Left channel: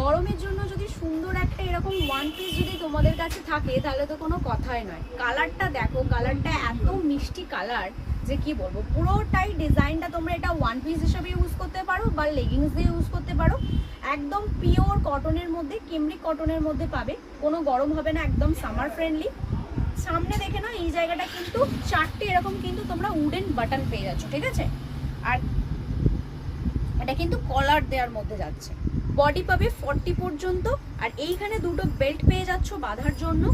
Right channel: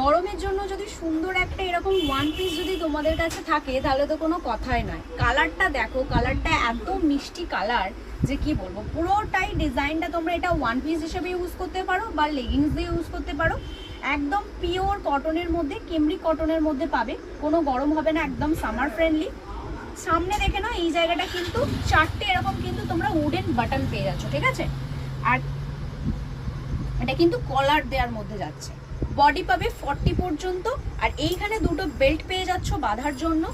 গরমের জন্য যদি সুন্দর একটা এরকম ওয়ান পিস যদি তোমাদের কাছে থাকে তাহলে তো কোনো কথাই নয়। কালারটা দেখো, কালারটা একদম মিষ্টি কালার, যে কি বলবো, পুরোটাই ডিজাইনটা তোমরা এটা ওয়ান পিস হিসেবে ইউজ করতে পারো বা লেগিংস দিয়ে ইউজ করতে পারো। একদম পিওর কটনের মধ্যে, কেমব্রিক কটনের মধ্যে পাবে, কোনো গরম হবে না, একদম সামার ফ্রেন্ডলি। সামনে দেখে নাও এই জায়গাটা কিন্তু 4টে এরকম কিন্তু তোমরা উডেন বাটন পেয়ে যাচ্ছ, ঠিক আছে। আর এটা কিন্তু কলার দেওয়ার মধ্যে যাচ্ছে, বডি পাবে 40 পর্যন্ত। আর এইখানে দুটো বেল্ট পেয়ে যাচ্ছ বাঁধার জন্য,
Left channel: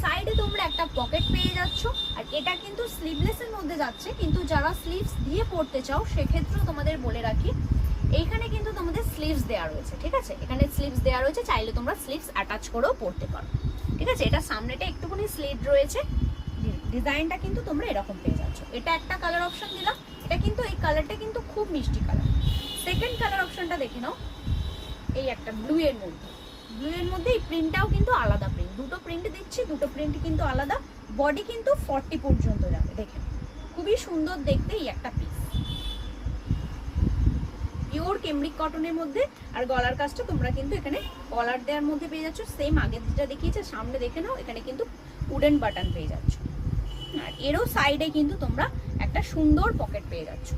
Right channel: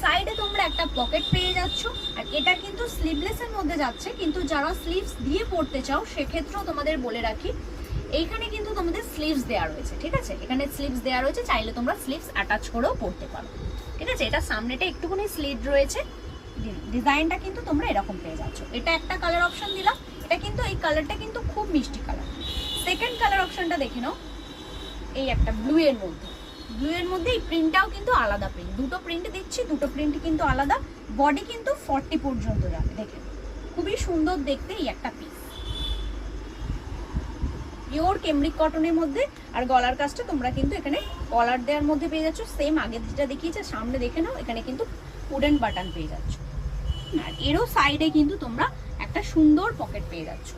সাইডে তোমরা একটা পকেট পেয়ে যাচ্ছ। আর এটা কিন্তু স্লিভলেসের মধ্যে যাচ্ছে, কিন্তু যারা স্লিভস দিয়ে পরতে চাও সেক্ষেত্রেও তোমাদের বলে রাখি এইখানে কিন্তু তোমাদের স্লিভস দেওয়া রয়েছে, ঠিক আছে। এখানে স্লিভস দেওয়া রয়েছে, চাইলে তোমরা স্লিভস অ্যাটাচ করেও পরতে পারো, ঠিক আছে। এটা সামনেটা একটুখানি স্লিট রয়েছে, ডিজাইনটা কিন্তু তোমরা এরকম পেয়ে যাচ্ছ। এটা একটা কালার অপশন দিলাম, এটা কিন্তু এই কালারটা কিন্তু খুব মিষ্টি কালার। সেকেন্ড কালার অপশনটা দেখে নাও, এই একটা ব্লু এর মধ্যে, ব্লু এর মধ্যে এই প্রিন্টটাও কিন্তু আলাদা প্রিন্ট, দুটো প্রিন্ট দিচ্ছি, দুটো প্রিন্ট কিন্তু আলাদা। বডি কিন্তু 40 পর্যন্ত যাবে, দেখে খুবই সুন্দর দেখতে এই একটা পিস, পিওর কেমব্রিক কটনের মধ্যে। আর গলার কাজটা তোমরা কিন্তু এখানে কলার দেওয়ার মধ্যে পেয়ে যাচ্ছ, সেম আগে যেটা দেখিয়েছে সামনে দেখে নাও, এখানে কিন্তু উডেন বাটন পেয়ে যাচ্ছ। আর এরও সাইডে কিন্তু তোমরা একটা সুন্দর পকেট পেয়ে যাচ্ছ,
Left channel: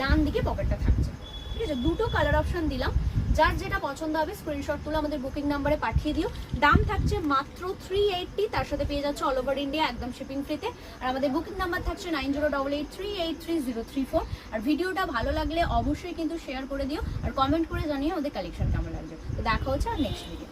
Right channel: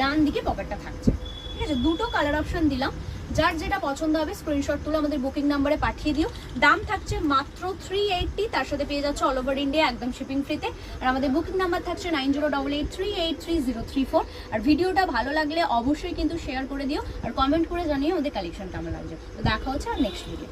ডান দিকে পকেটটা থাকছে, ঠিক আছে। দুটো কালার অপশন দিলাম, যার যেটা পছন্দ হবে স্ক্রিনশট তুলে আমাদের বুকিং নাম্বারে পাঠিয়ে দিও। দাম থাকছে মাত্র 380, তার সাথে পেয়ে যাচ্ছে অল ওভার ইন্ডিয়া একদম শিপিং ফ্রিতে। আর আমাদের বুকিং নাম্বার থাকছে 9088383034। আর ভিডিওটা ভালো লাগলে অবশ্যই কিন্তু শেয়ার করে দিও, আর কমেন্ট করে জানিয়ে ওদের কালেকশন কেমন লাগছে। তো দেখা হচ্ছে আর নেক্সট ভিডিও।